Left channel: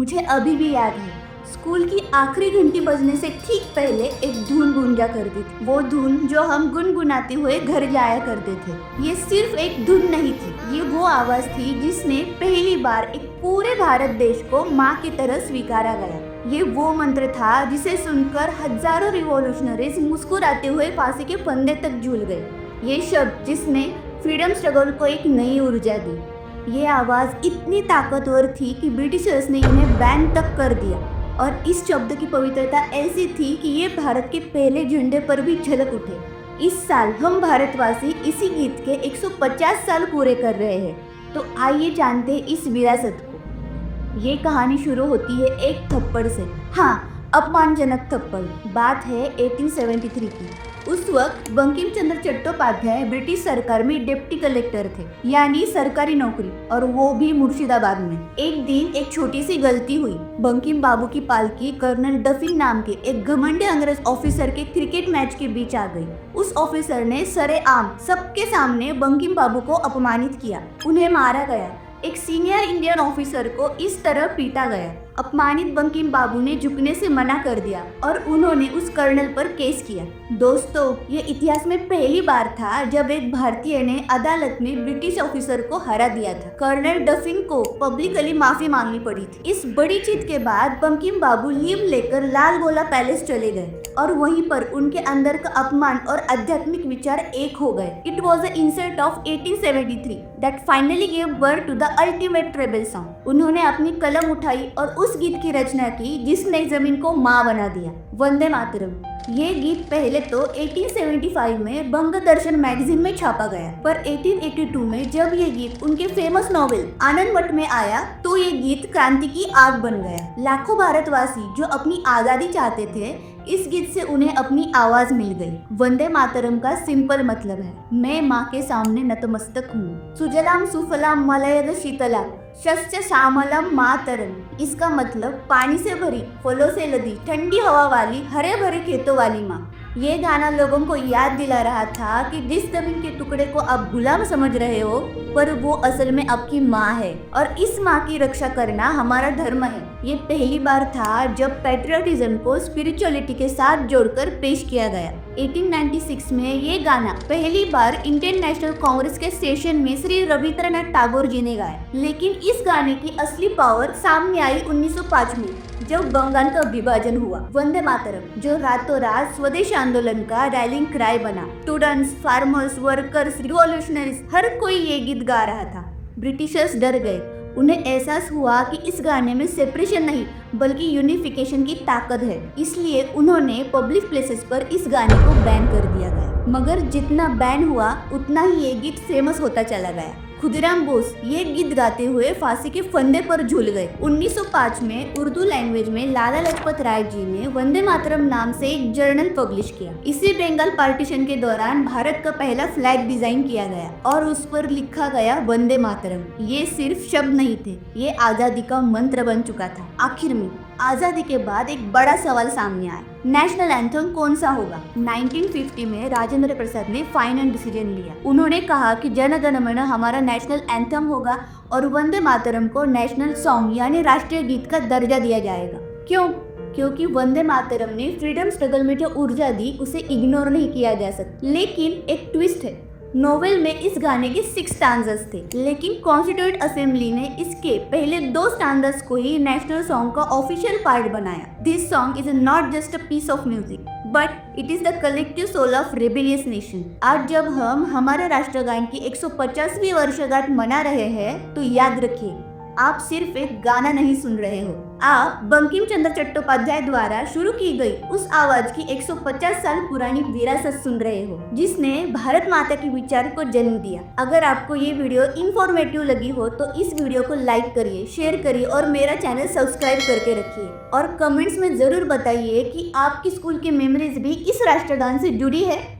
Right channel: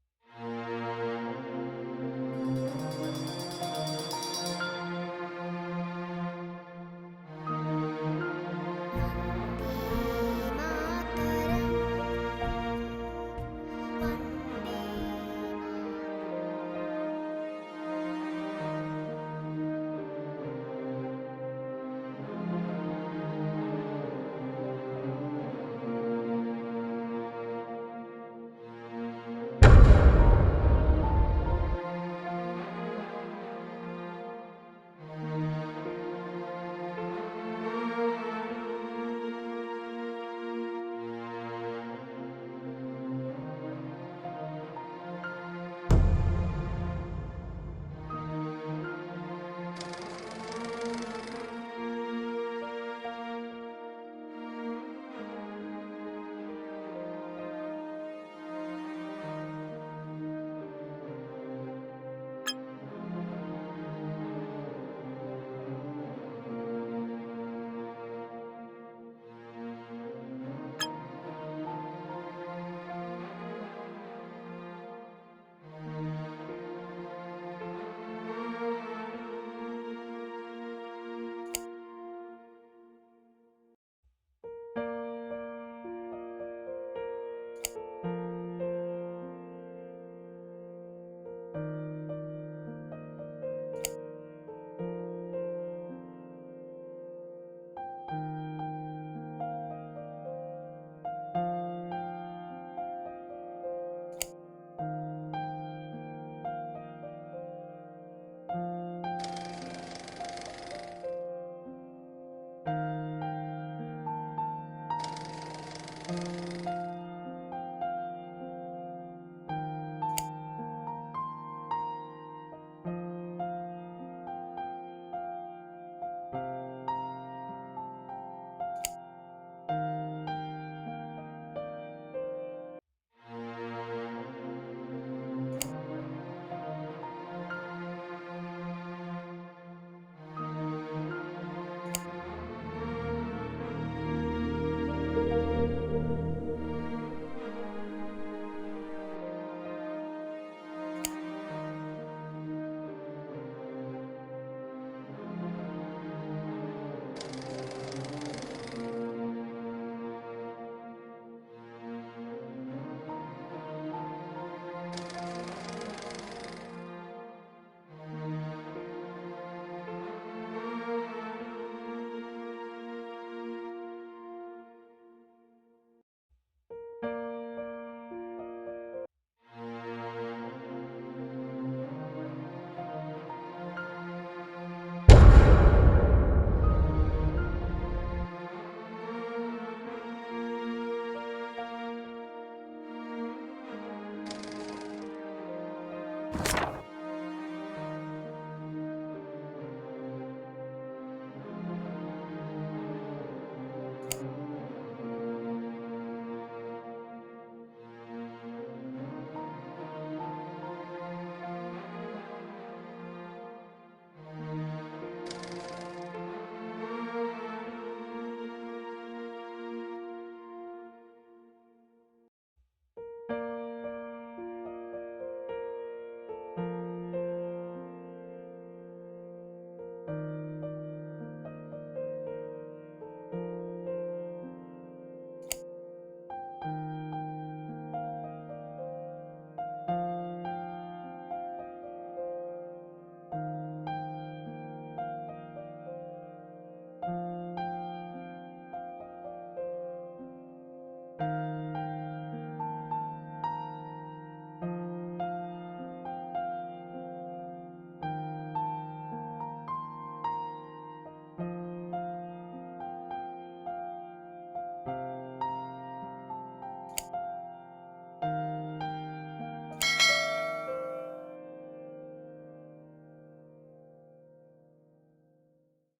मुझे अभी भी याद है, स्कूल की आखिरी घंटी बजने से ठीक पहले एक धुन गूंजा करती थी। वो धुन जो हम गुनगुनाते हुए घर जाया करते थे। ये सिर्फ एक धुन नहीं थी, ये वो आवाज थी जिसने पहली बार एक पूरे भारत देश को माँ की तरह स्वीकारा गया। ये वो मंत्र था जिसे सुनकर हजारों रिवॉल्यूशनरीज मुस्कुराते हुए फांसी के फंदे तक झूल गए। ये शब्द जिसने फ्रीडम स्ट्रगल को एक नई ऊर्जा दी। ये आवाज इतनी ताकतवर थी कि ब्रिटिशर्स ने इन्हें बैन तक कर दिया। और इस शब्द की पवित्रता ऐसी थी कि ये भारत के पहले झंडे पर भी झलक उठे। इस साल हम भारतवासी इसी गीत के 150 साल पूरे कर रहे हैं। तो आइए जानते हैं इस विरासत को। ये कहानी शुरू होती है एक थप्पड़ से। हाँ, अपमानजनक थप्पड़। बात है 1873 की। उस वक्त बंकिम चंद्र चट्टोपाध्याय ब्रिटिश सरकार में डिप्टी कलेक्टर थे, यानी सरकारी नौकरी, और वो भी मुर्शिदाबाद में। एक दिन एक छोटी सी गलती हुई। बंकिम बाबू की पालकी कर्नल डफिन नाम के एक घमंडी अंग्रेज ऑफिसर के क्रिकेट मैच के बीच आ गई। उस ऑफिसर ने सरेआम सबके सामने बंकिम बाबू को अपमानित किया। उन्हें मारा गया। एक सीनियर इंडियन ऑफिसर को इस तरह पीटा गया। अपमानित बंकिम बाबू ने झुकने से मना कर दिया और उन्होंने उस कर्नल पर केस किया। दोस्तों, ये इतिहास में पहली बार था जब एक भारतीय ने अदालत में ब्रिटिश ऑफिसर को हरा दिया था। कर्नल डफिन को पब्लिकली माफी मांगनी पड़ी थी। इस बड़ी जीत के बाद बंकिम बाबू लीव लेकर लाल गोला पैलेस चले गए और वहीं पर उनके अंदर का अपमान और आध्यात्मिक विचार एक हो गए। It was the insult of 1873 that finally gave birth to the ultimate rebel song. उन्होंने अपनी कलम उठाई और उस गीत की रचना की जिसने जमीन को माँ बना दिया, वंदे मातरम। ये गीत पहले तो 1875 में बंग दर्शन मैगजीन में छापा गया, पर 1882 में जब ये गीत उनके फेमस नॉवेल आनंद मठ में आया तो ये गीत क्रांति की आग बन गया। लाखों भारतवासी जो अपनी आजादी चाहते थे, इस गीत से उन्हें अपनी आवाज मिल गई। वंदे मातरम का सिंपल मतलब है, मैं माँ के सामने नतमस्तक हूँ। सुजलाम सुफलाम मलयज शीतला शस्य श्यामलम मातरम। इसका मतलब पानी से भरी, फलों से लदी, ठंडी हवा वाली, हरे भरे खेतों वाली माँ। ये गाना लोगों को याद दिला रहा था कि जिस जमीन के टुकड़े को आप गुलाम समझ रहे हो, पर वो असल में आपकी माँ है और इस माँ की रक्षा करना हमारा धर्म है। ये पहली बार था जब पैट्रियटिज्म को स्पिरिचुअलिटी के साथ जोड़कर पेश किया गया। 1896 में ये गाना पहली बार इंडियन नेशनल कांग्रेस के सेशन में श्री रविंद्रनाथ टैगोर जी ने गाया। लेकिन इस गाने की असली पावर सामने आई 1905 में, जब बंगाल का विभाजन हुआ। वंदे मातरम, जो रातों रात स्वदेश आंदोलन का रैलिंग क्राई बना, स्टूडेंट्स, फार्मर्स, वर्कर्स, रिवॉल्यूशनरीज, हर कोई ये गीत गा रहा था। ब्रिटिशर्स डर गए। उन्हें एहसास हुआ कि इस गाने में सेपरेशन नहीं बल्कि यूनिफिकेशन की ताकत है। इसलिए उन्होंने पब्लिक प्लेसेस पर इस गाने को बैन कर दिया गया। मगर जितना बैन हुआ उतना ही ये गीत फेमस होता चला गया। खुदीराम बोस ये गीत गाते हुए फांसी के फंदे पर झूल गए। 1905 में उर्दू लैंग्वेज में लाला लजपत राय जी ने वंदे मातरम नाम से एक जर्नल पब्लिश किया। इसी बंगाल पार्टीशन के दौरान भारत का पहला फ्लैग डिजाइन किया गया और उस पर लिखा गया वंदे मातरम। ये सिर्फ शब्द नहीं थे, ये आजादी का मंत्र बन चुका था। आखिर में आजादी के बाद एक बड़ा सवाल सामने आया, नेशनल एंथम कौन सा होगा। 1950 में राजेंद्र प्रसाद ने फाइनल डिसीजन लिया। उन्होंने कहा कि जन गण मन हमारा नेशनल एंथम होगा और वंदे मातरम को नेशनल सॉन्ग यानी राष्ट्रीय गीत का दर्जा दिया जाएगा। क्यों? क्योंकि वंदे मातरम ने फ्रीडम स्ट्रगल में जो ऊर्जा दी उसे इग्नोर नहीं किया जा सकता। लेकिन एक ट्विस्ट है, नोवेल में इस गाने के 6 स्टांजास थे, लेकिन कॉन्स्टिट्यूएंट असेंबली ने इसके पहले 2 स्टांजास को ही नेशनल सॉन्ग का ऑफिशियल पार्ट बनाया। This song is not just a piece of music but it is the collective soul of rebellious nation. आज जब हम हमारे राष्ट्रगान की 150वीं वर्षगांठ मना रहे हैं तो याद रखिए, आप सिर्फ एक गाना नहीं सुन रहे हो, आप बंकिम चंद्र चट्टोपाध्याय द्वारा शुरू की गई उस आवाज की 150 साल पुरानी विरासत सुन रहे हो, जिसने भारत माता के विचार को जन्म दिया। अगर आपको ये वीडियो इंफॉर्मेटिव लगी हो तो इस वीडियो को लाइक करिए, शेयर करिए और मेरा चैनल सब्सक्राइब करके रखिए। और कमेंट्स में जरूर बताइए कि आपकी स्कूल की मेमोरीज भी इस राष्ट्रगान से जुड़ी है।